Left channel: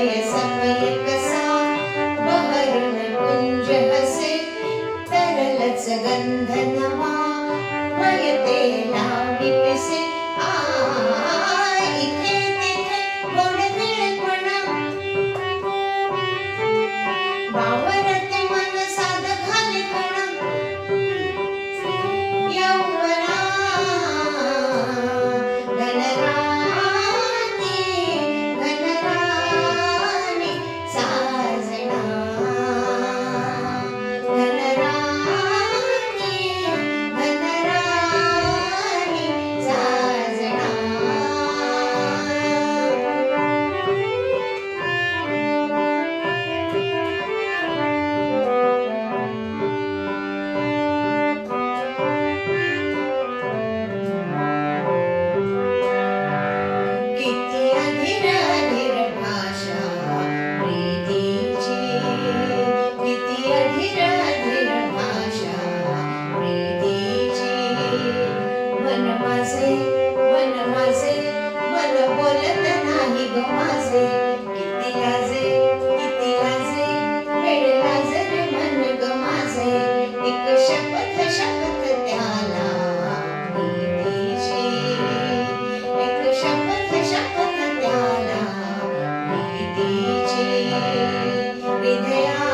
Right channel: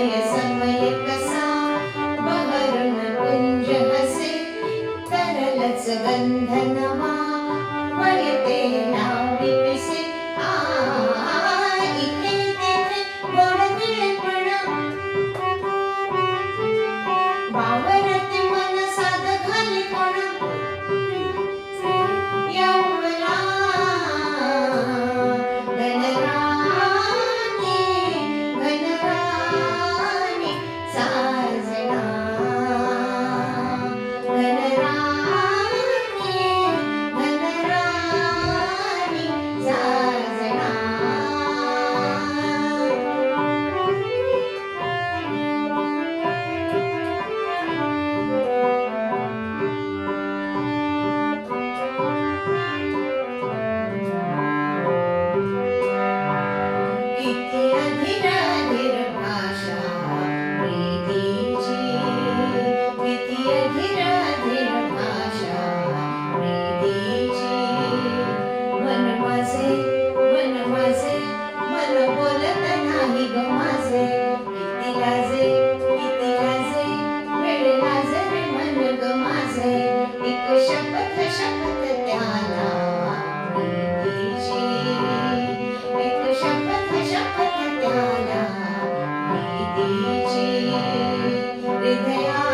य समये कसा वृणपुञ्जपसि तरलजगन्ध नयते Amen. Amen.